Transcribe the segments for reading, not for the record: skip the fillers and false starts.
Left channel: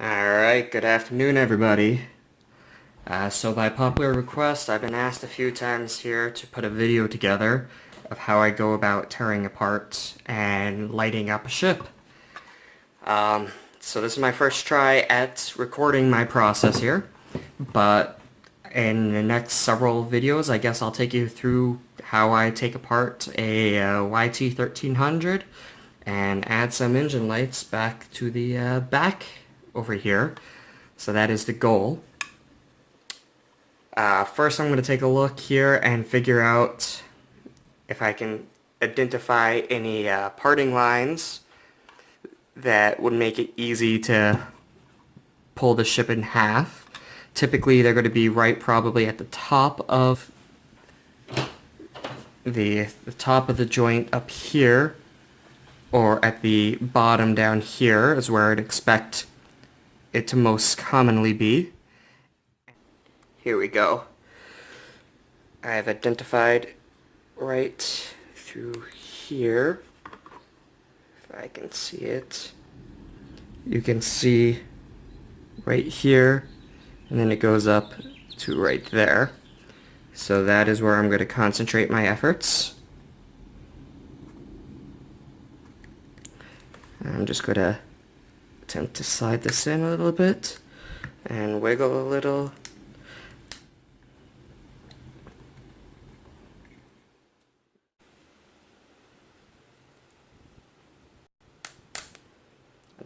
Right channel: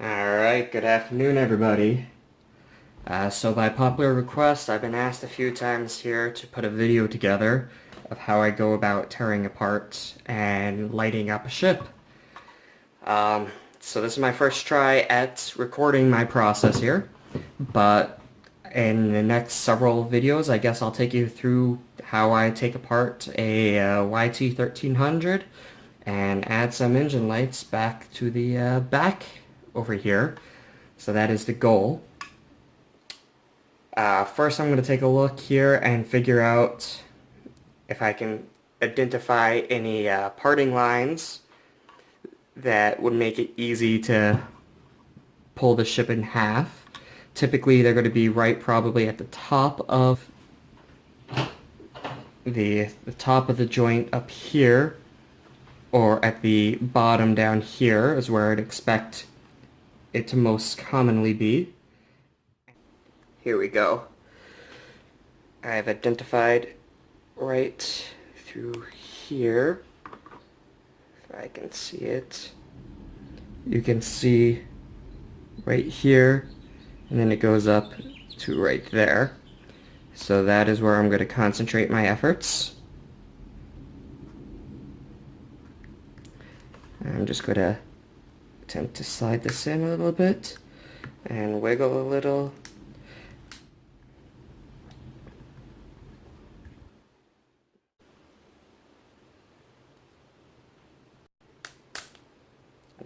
Alright, good afternoon everybody. So by popular request, I've been asked a few times here to put a video together of how I go about tearing apart and lighting up a ship. So this is my first try at recording my process here, but in the next several videos I guess I'll take you through how I take apart a YT-1300 and add some engine lights back to the back over here. So that is the goal. First I'm going to take a look here and figure out if I can identify any parting lines that would make it easy to pull the ship in half. Typically they're going to be right probably at the top of the top of the joint up here, or at the bottom down here is where I'd expect it to most commonly be. Here we go. I've identified right through here. If I can see it. You can see right here, and then it goes up to right there. So that is where I'm going to concentrate my efforts. I'm just going to attempt to slide this in a little bit and wiggle a little.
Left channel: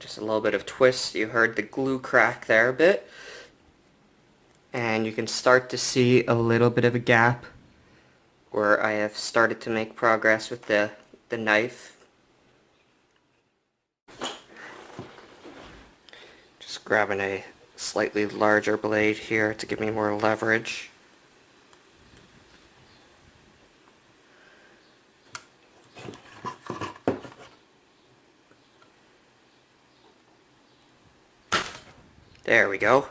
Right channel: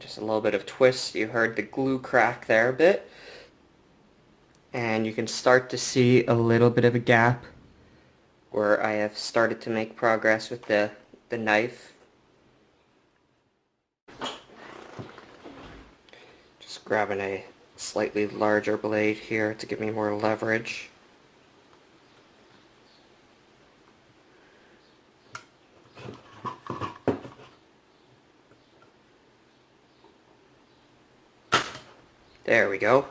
Just a little bit of twist. You heard the glue crack there a bit. And you can start to see a little bit of a gap where I have started to make progress with the knife. Just grabbing a slightly larger blade here to give me more leverage. There we go.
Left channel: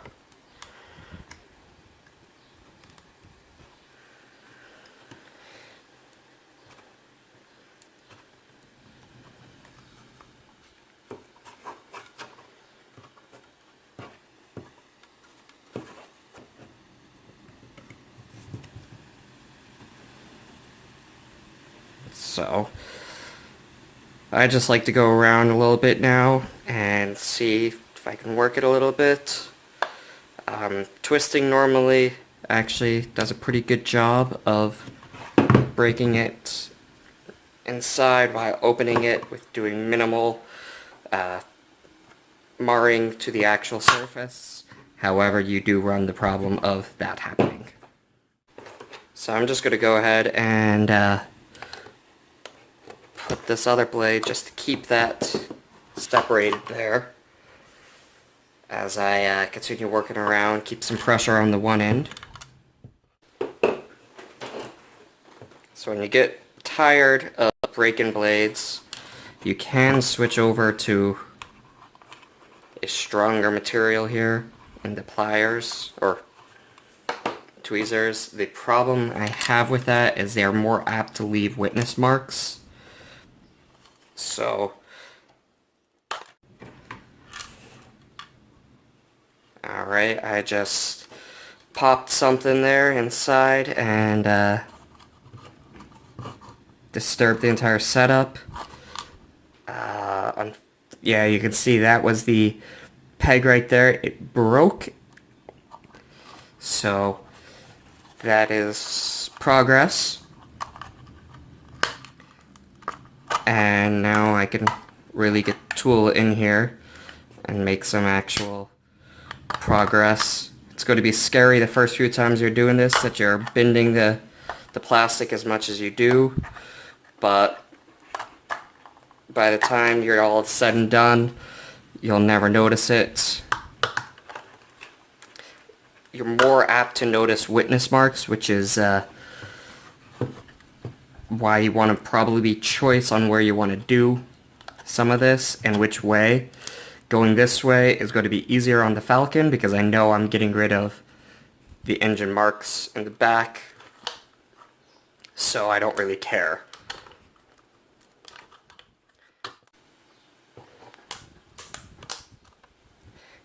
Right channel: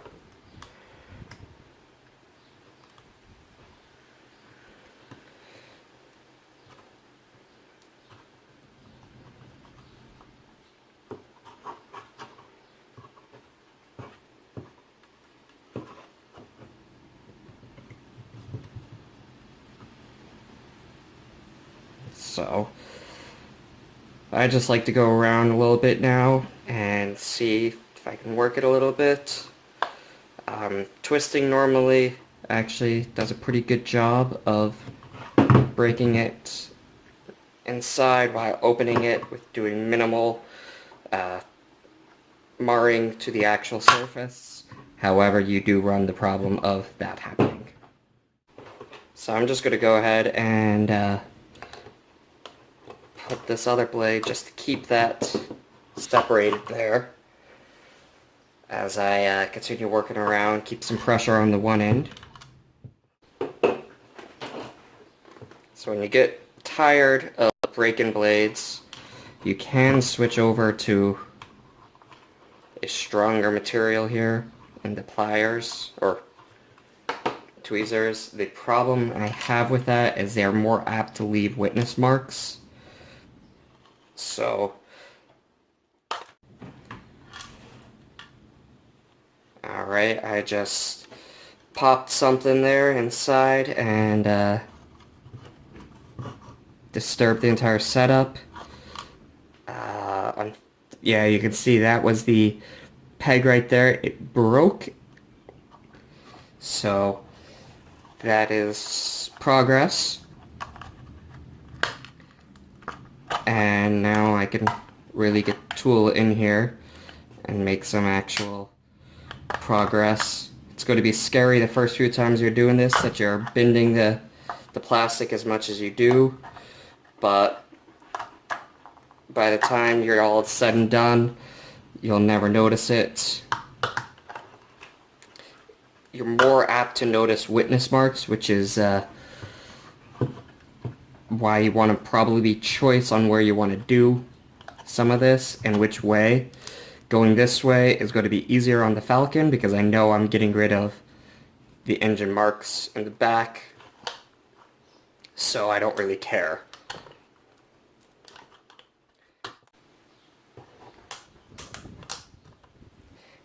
So I just like to go around a little bit now and see if I can work it a little bit. Twisting normally actually does a pretty good job of breaking it inside while opening it with doing minimal marring to the actual surface. However, you do run the problem of that happening. So I'm just going to go ahead and put this other blade just to keep that separated there as I continue working around, keep some pressure on the one end. So when you get tired of breaking blades, you can switch over to a stronger material here in the pliers or tweezers. The problem I have with that is they're more apt to leave witness marks. So alright, I just popped something there inside and disturbed the entire setup. Yeah, you can see that was the peg right there. It broke. So that is progress. And now I can really get the tool in here and make some actual progress. It's going to be scary the first few times you're doing this, that you're bending the plastic as much as you do, but by the time you're all said and done, you'll never notice it. You're more apt to notice witness marks, which is why you want to probably be choice on where you want to do some of this and which way. Going this way is going to be easier on the Falcon because I know I'm getting rid of the engine marks in the back, so I don't really care.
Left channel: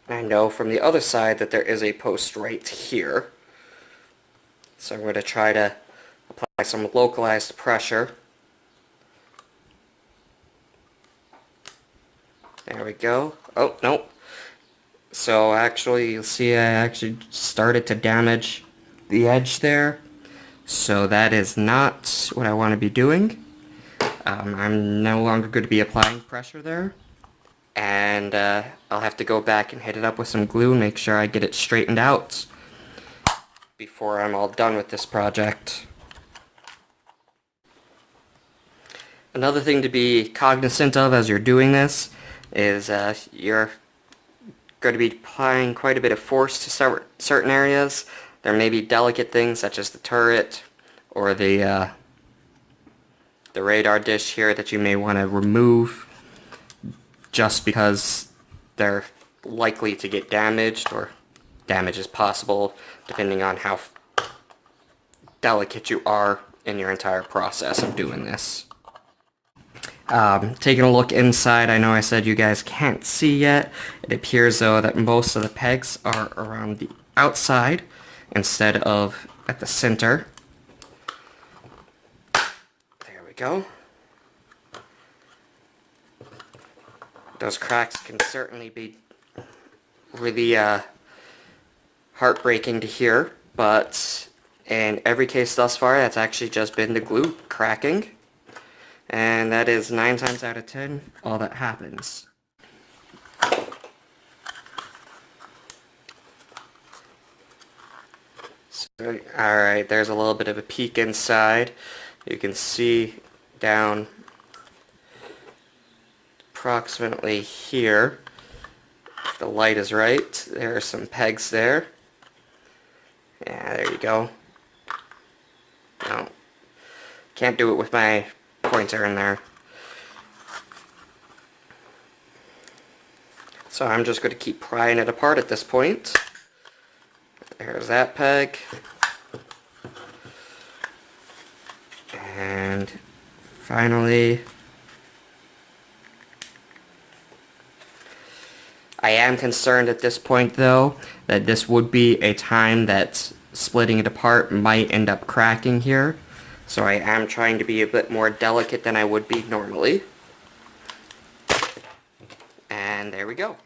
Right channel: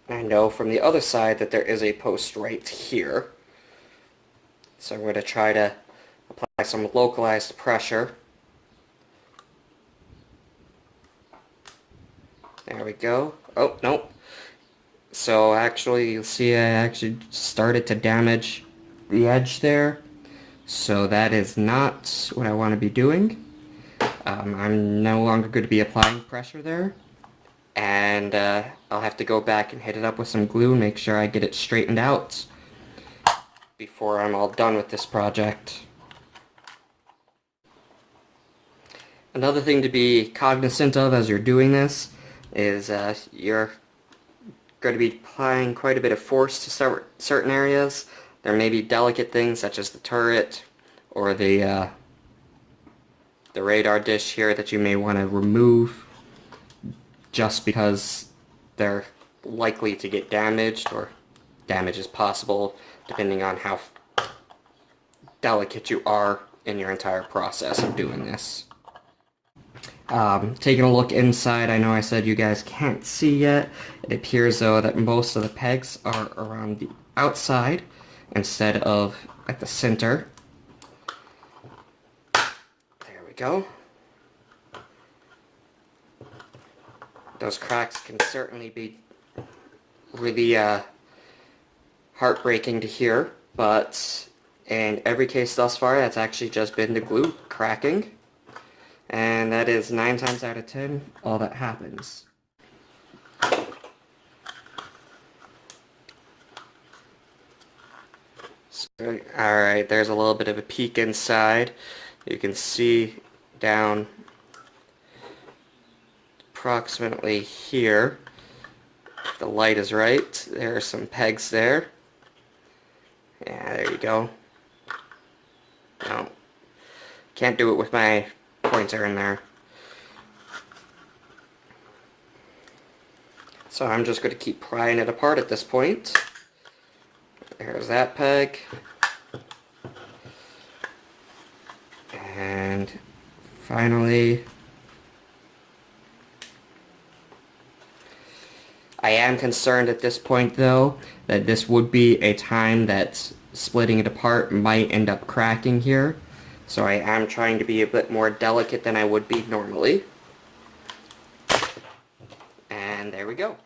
I know from the other side that there is a post right here. So I'm going to try to apply some localized pressure. There we go. Oh, no. So actually, you'll see I actually started to damage the edge there. So that is not what I want to be doing. I'm no longer going to be applying pressure there. And I'll have to go back and hit it up with some glue and make sure I get it straightened out before I'm all done with this project. Another thing to be cognizant of as you're doing this is you're going to be applying quite a bit of force to certain areas. There may be delicate things such as the turret or the radar dish here that you may want to remove just because they're likely to get damaged, or damage is possible depending on how delicate you are in your entire process of doing this. Taking a look inside, I know I said you guys can't see yet. It appears though that most of the pegs are around the outside instead of at the center. There we go. Those cracks can certainly be really heartbreaking to hear, but in every case thus far, that's actually just been the glue cracking. And that is 9 times out of 10 all that happens. So, alright, there's a little bit of a peek inside. You can see down approximately here, if the light is right, there are some pegs there. Yeah, there you go. No, can't do it with my pointer in there. So I'm just going to keep prying it apart at this point. There's that peg. And finally, I am concerned at this point though that this would be a time that splitting it apart might end up cracking here. So I am trying to be a bit more delicate than I would be normally. And there we go.